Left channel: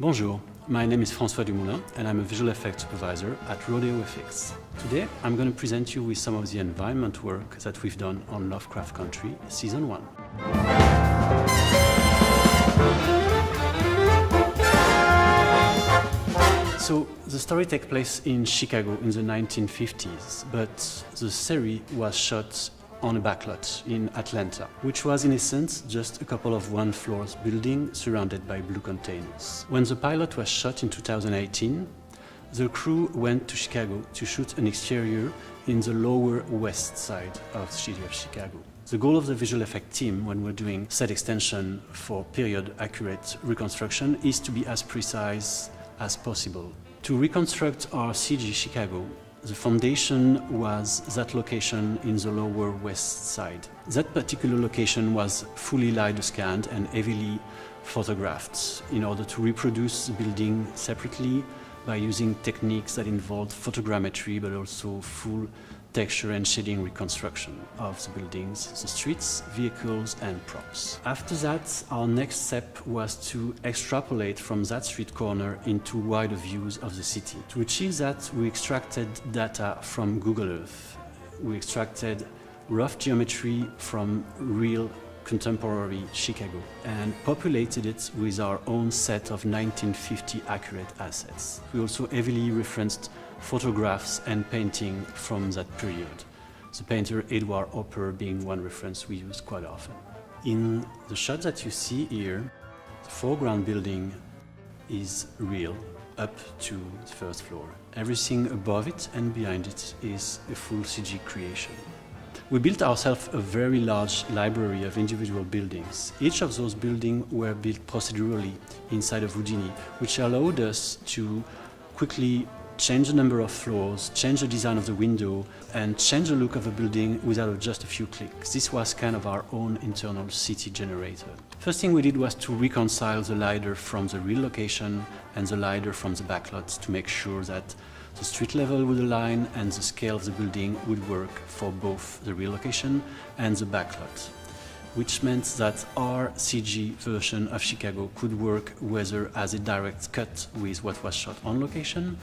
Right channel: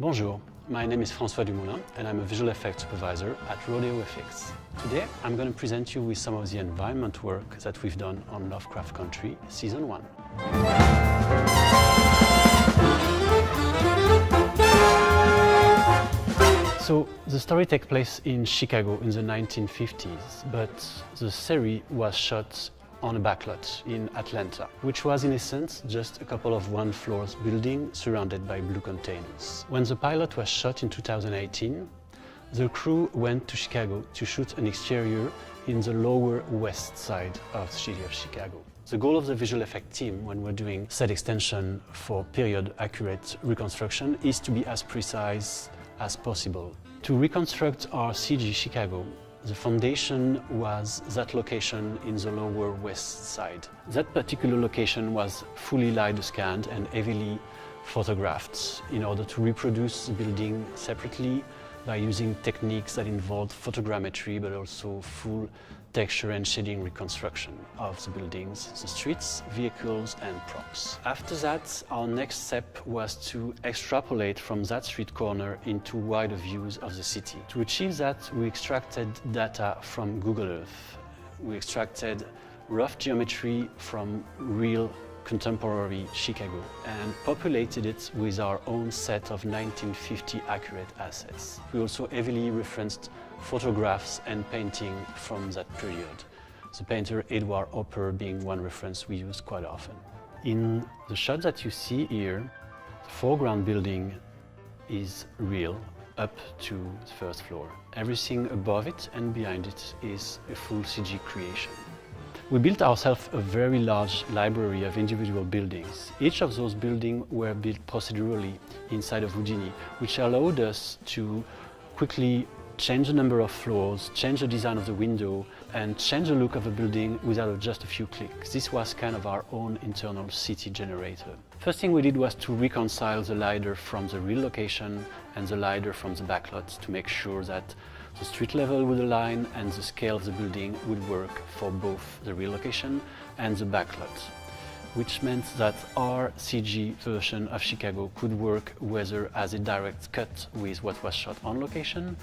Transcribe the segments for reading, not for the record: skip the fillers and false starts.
Bonjour, my name is François Dumoulin and I'm a visual effects supervisor at RodeoFX. Today I'm going to present you with some of the environment work that we've done on Lovecraft Country Season 1. So the story takes place in Chicago in the 1950s, but the series was shot on a backlot in Atlanta, which was in essence just a couple of one-floor buildings surrounded by blue containers. When the pilot was shot in 2018, the crew went to Chicago to shoot an exterior in the lower west side of the city of Chicago. The goal of the visual effect team when we're doing set extension for period accurate reconstruction is to be as precise as possible. To reconstruct our CG Chicago, the foundation was that location in the lower west side. That particular location was fully LiDAR scanned and heavily photographed in order to reproduce the building separately by using techniques that involved photogrammetry but also full texture and shading reconstruction of the buildings, the streets, vehicles and props. After that, our next step was to extrapolate from that street corner into wider views of the city. To achieve that, we extracted data from Google Earth. We extracted rough geometry from real contemporary Chicago and populated it with our own set of 1950 accurate assets. We also heavily referenced photographs and painting from that period, the painter Edward Hopper being one reference we use quite often. In the shot that you see here, the foreground building is real up to the first floor. Everything above it and behind it is a full CG creation. We built ourselves a very large library of individual buildings. Each of those buildings were built procedurally inside of Jurnee, which allowed us to quickly change the number of floors, change the design of the window, and change the look of the building without just a few clicks. This was kind of our own internal city generator. First thing we did was to reconcile the LiDAR from the real location and the LiDAR from the backlots to make sure that the street level would align and the scale of the building would work for both the real location and the backlot, which meant that our CG version of Chicago could work whether as a direct cut with what was shot on location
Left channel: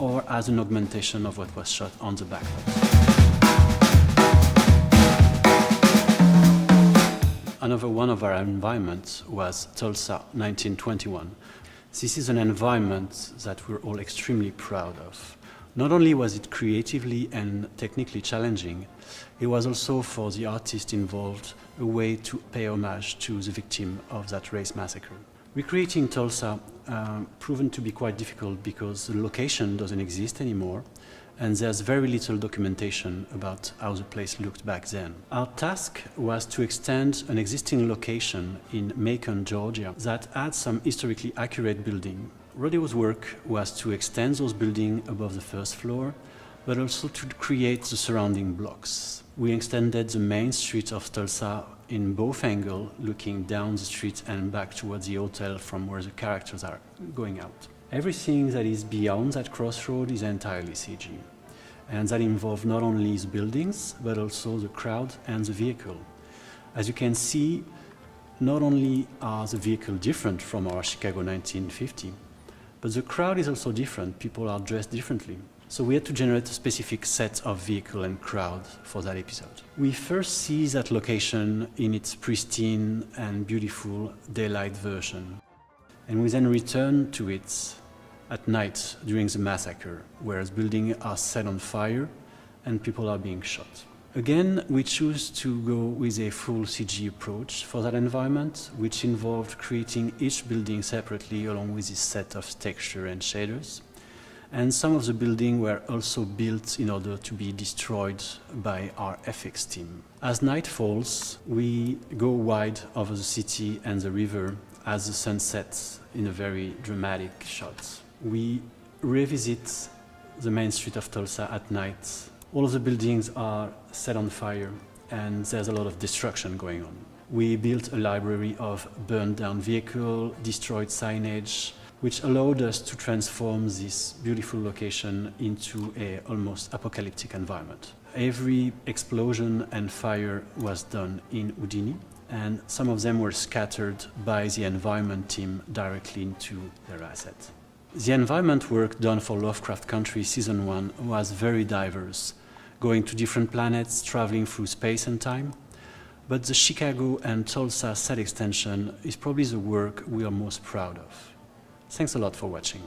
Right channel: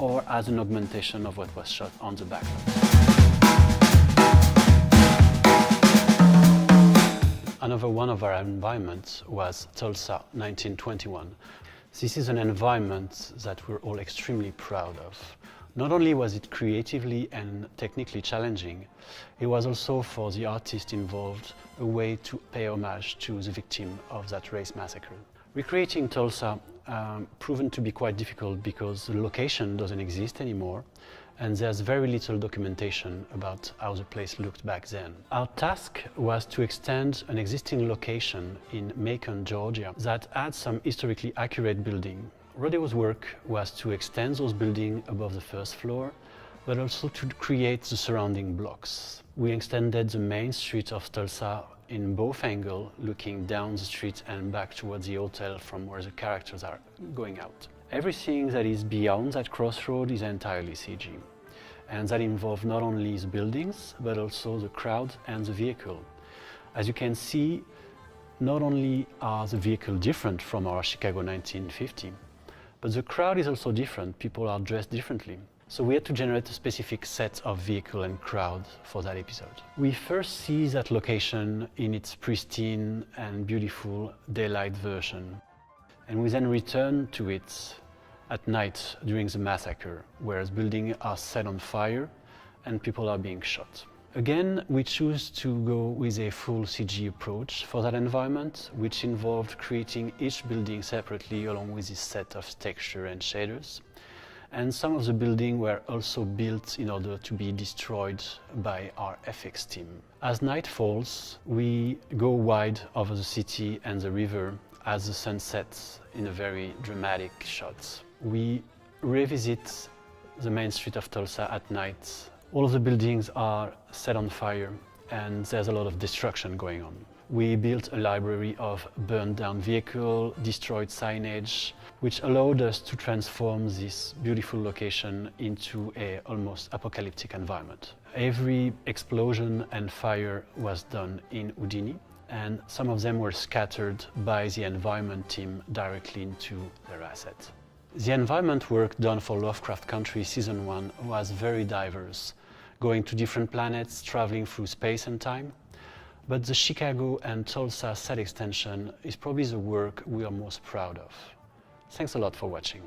or as an augmentation of what was shot on the backlot. Another one of our environments was Tulsa, 1921. This is an environment that we're all extremely proud of. Not only was it creatively and technically challenging, it was also for the artist involved a way to pay homage to the victim of that race massacre. Recreating Tulsa proven to be quite difficult because the location doesn't exist anymore and there's very little documentation about how the place looked back then. Our task was to extend an existing location in Macon, Georgia that had some historically accurate building. Rodeo's work was to extend those buildings above the first floor, but also to create the surrounding blocks. We extended the main street of Tulsa in both angles, looking down the street and back towards the hotel from where the characters are going out. Everything that is beyond that crossroad is entirely CG, and that involves not only the buildings, but also the crowd and the vehicle. As you can see, not only are the vehicles different from our Chicago 1950, but the crowd is also different. People are dressed differently. So we had to generate a specific set of vehicle and crowd for that episode. We first see that location in its pristine and beautiful daylight version. And we then return to it at night during the massacre, where buildings are set on fire and people are being shot. Again, we choose to go with a full CG approach for that environment, which involved creating each building separately along with this set of texture and shaders. And some of the buildings were also built in order to be destroyed by our FX team. As night falls, we go wide over the city and the river as the sun sets in a very dramatic shot. We revisit the main street of Tulsa at night. All of the buildings are set on fire and there's a lot of destruction going on. We built a library of burned down vehicles, destroyed signage, which allowed us to transform this beautiful location into an almost apocalyptic environment. Every explosion and fire was done in Houdini, and some of them were scattered by the environment team directly into their asset. The environment work done for Lovecraft Country Season 1 was very diverse, going to different planets, traveling through space and time. But the Chicago and Tulsa set extension is probably the work we are most proud of. Thanks a lot for watching.